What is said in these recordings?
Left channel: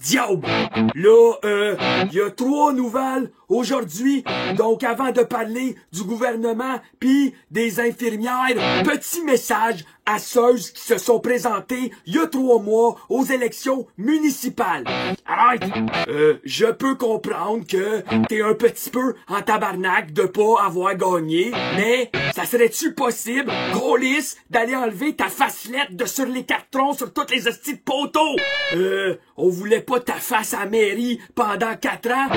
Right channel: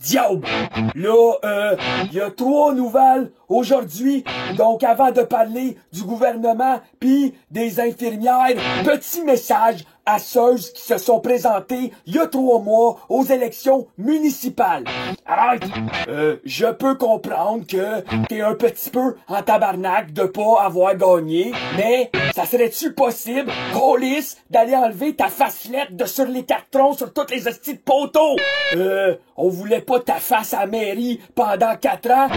Diable! Là, y a 3 nouvelles aujourd'hui. Donc, avant de parler du gouvernement puis des infirmières, petit message à ceux qui se sont présentés il y a 3 mois aux élections municipales. Arrête! Je peux comprendre que t'es un petit peu en tabarnak de pas avoir gagné, mais ça serait-tu possible, câlisse, d'aller enlever ta facelette de sur les cartons sur toutes les hosties de poteaux? On voulait pas ta face à la mairie pendant 4 ans.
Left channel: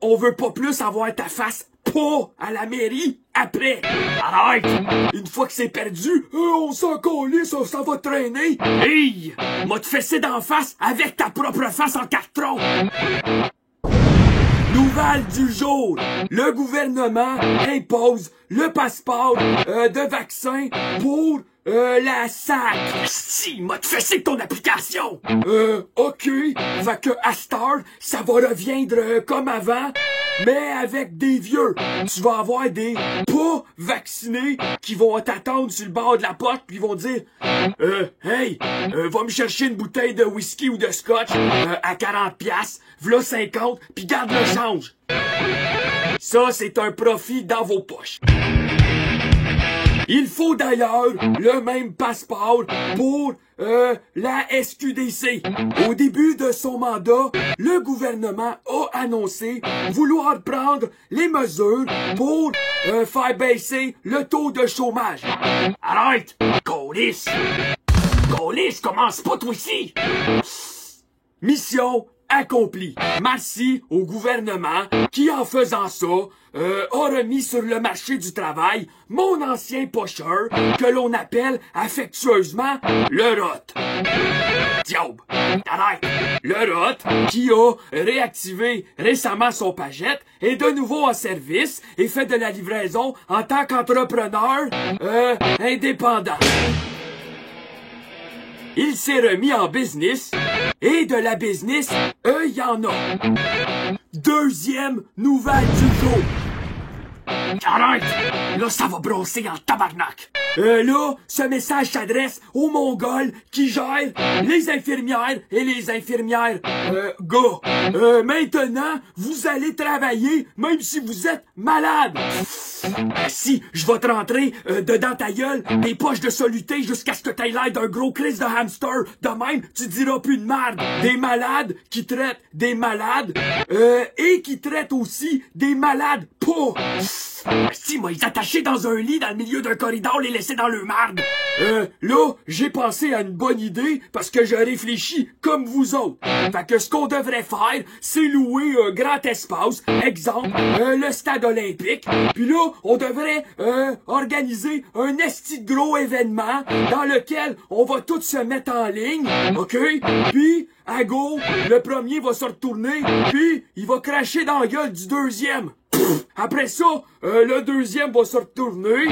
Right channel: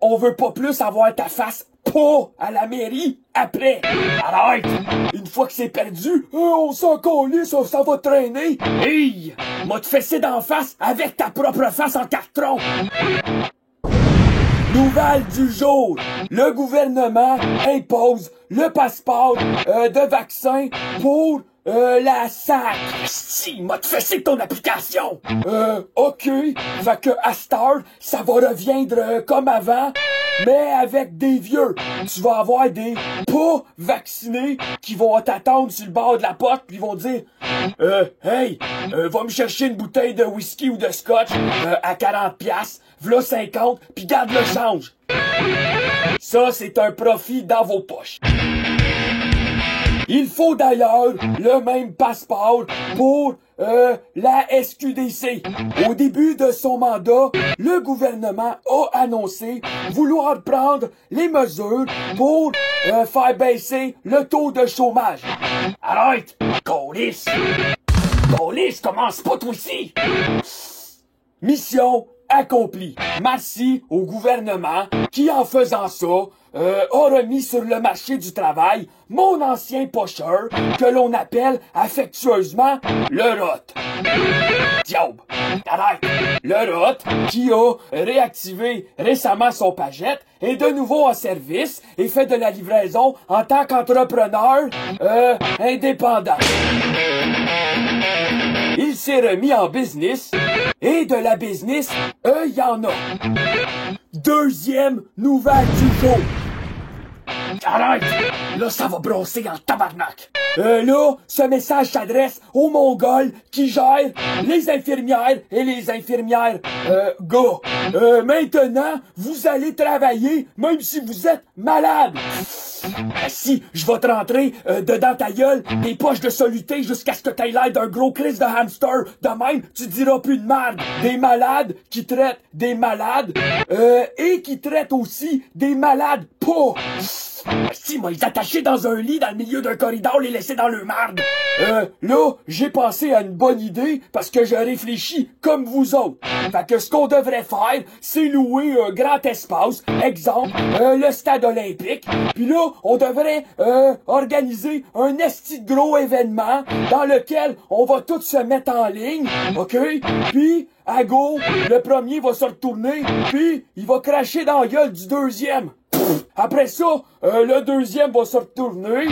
On veut pas plus avoir ta face pas à la mairie après. Arrête! Une fois que c'est perdu, on s'en calisse, ça va traîner. Hey! M'a te fessé d'en face avec ta propre face en carton. Nouvelle du jour. Le gouvernement impose le passeport de vaccin pour la SAC. Si, m'a te fessé ton application. OK. Fait que à cette heure, ça va reviendre comme avant, mais avec des vieux. Tu vas avoir des pas vaccinés qui vont t'attendre sur le bord de la porte puis ils vont dire hey, va me chercher une bouteille de whisky ou de scotch à 40$, v'là 50, puis garde le change. Ça, c'est un profit dans vos poches. Il faut d'ailleurs le même passeport pour la SQDC. Au début de son mandat, le gouvernement a annoncé vouloir prendre les mesures pour faire baisser le taux de chômage. Arrête! Câlisse! Câlisse, commence pas toi ici! Mission accompli. Merci au gouvernement qui, en faisant ça, a remis sur le marché du travail mon ancien pocheur que l'on appelle affectueusement le ROT. Diable! Arrête! Le ROT qui a réactivé récemment son pagette est de nouveau en service et fait de la livraison en tant qu'entrepreneur indépendant. Il s'est remis en business, et de la business, il y en a. Deuxième nouvelle du jour. Arrête! Là, ça va brosser en tabarnak. Là, ce message s'adresse aux Mongols qui gèrent les infirmières et les infirmières gars. Maintenant, vous allez travailler même si vous êtes malade. Si je vais te rentrer dedans ta gueule des poches de soluté jusqu'à ce que t'aies l'air d'un gros crise de hamster. De même, tu diras plus de merde. Des malades qui traitent des malades et qui traitent aussi des malades pas. Si, moi, ils attachaient dans un lit dans le milieu d'un corridor, les laisser dans le marde. Là, j'ai pensé à une bonne idée parce que je réfléchis comme vous autres. Fait que ce qu'on devrait faire, c'est louer un grand espace, exemple, le stade olympique. Puis là, on devrait organiser un esti de gros événement dans lequel on va tous se mettre en ligne, OK? Puis, à go, le premier va se retourner, puis il va cracher dans la gueule du deuxième. Après ça, le deuxième va se retourner.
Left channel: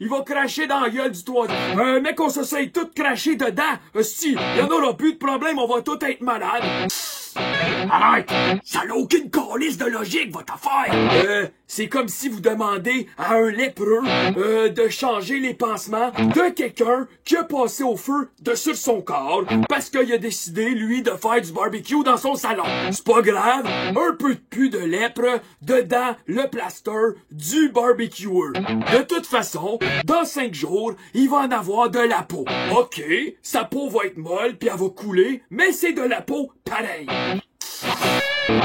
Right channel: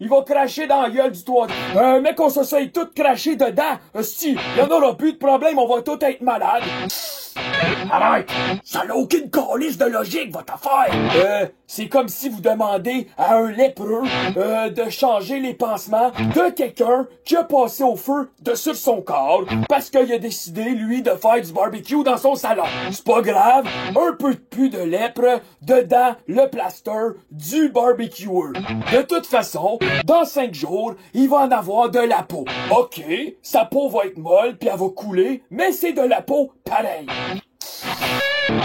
Il va cracher dans la gueule du troisième. Mec, on s'essaye tout cracher dedans. Si, il y en aura plus de problème, on va tous être malades. Arrête! Ça n'a aucune calisse de logique, votre affaire! C'est comme si vous demandez à un lépreux de changer les pansements de quelqu'un qui a passé au feu de sur son corps parce qu'il a décidé, lui, de faire du barbecue dans son salon. C'est pas grave, un peu de pu de lèpre dedans le plaster du barbecueur. De toute façon, dans 5 jours, il va en avoir de la peau. OK, sa peau va être molle puis elle va couler, mais c'est de la peau pareil.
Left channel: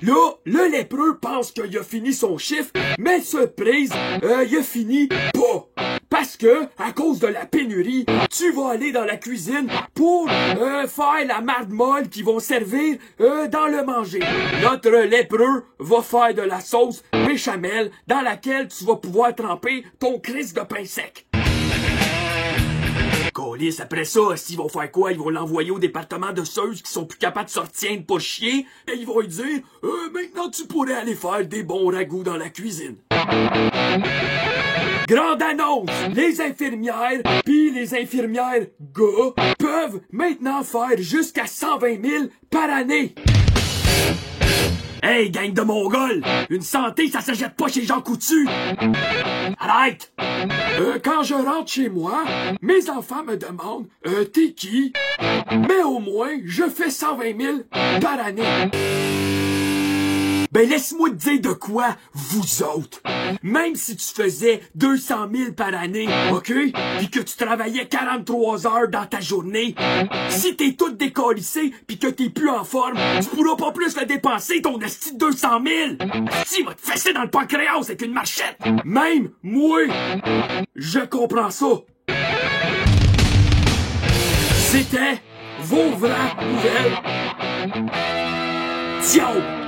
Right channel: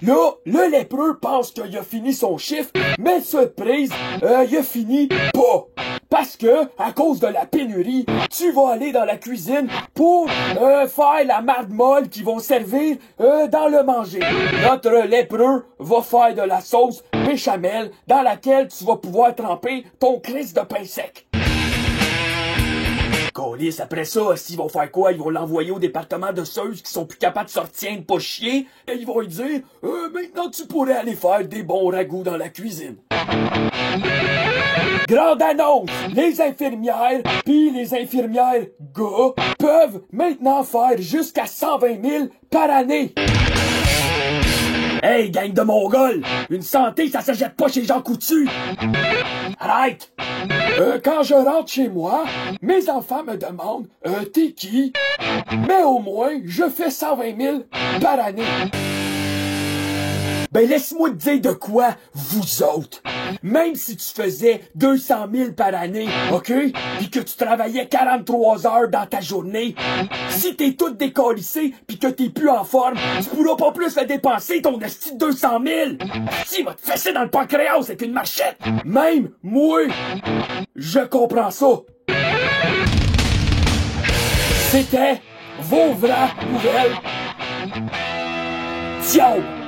Là, le lépreux pense qu'il a fini son chiffre, mais surprise, il a fini pas. Parce que, à cause de la pénurie, tu vas aller dans la cuisine pour faire la marde molle qu'ils vont servir dans le manger. Notre lépreux va faire de la sauce béchamel dans laquelle tu vas pouvoir tremper ton crisse de pain sec. Câlisse, après ça, s'ils vont faire quoi? Ils vont l'envoyer au département de ceux qui sont plus capables de sortir de pas chier et ils vont lui dire maintenant tu pourrais aller faire des bons ragoûts dans la cuisine. Grande annonce! Les infirmières pis les infirmières gars peuvent maintenant faire jusqu'à 120 000 par année. Hey, gang de Mongols! Une santé, ça s'achète pas chez Jean Coutu! Arrête! Quand je rentre chez moi, mes enfants me demandent « T'es qui? » Mais au moins, je fais 120 000 par année. Ben laisse-moi te dire de quoi, vous autres. Même si tu faisais 200 000 par année, OK? Puis que tu travaillais 43 heures dans ta journée, si t'es tout décalissé puis que t'es plus en forme, tu pourras pas plus le dépenser ton esti de 200 000. Si va te fesser dans le pancréas avec une marchette. Même moi, je comprends ça. C'était vos vraies nouvelles. Ciao!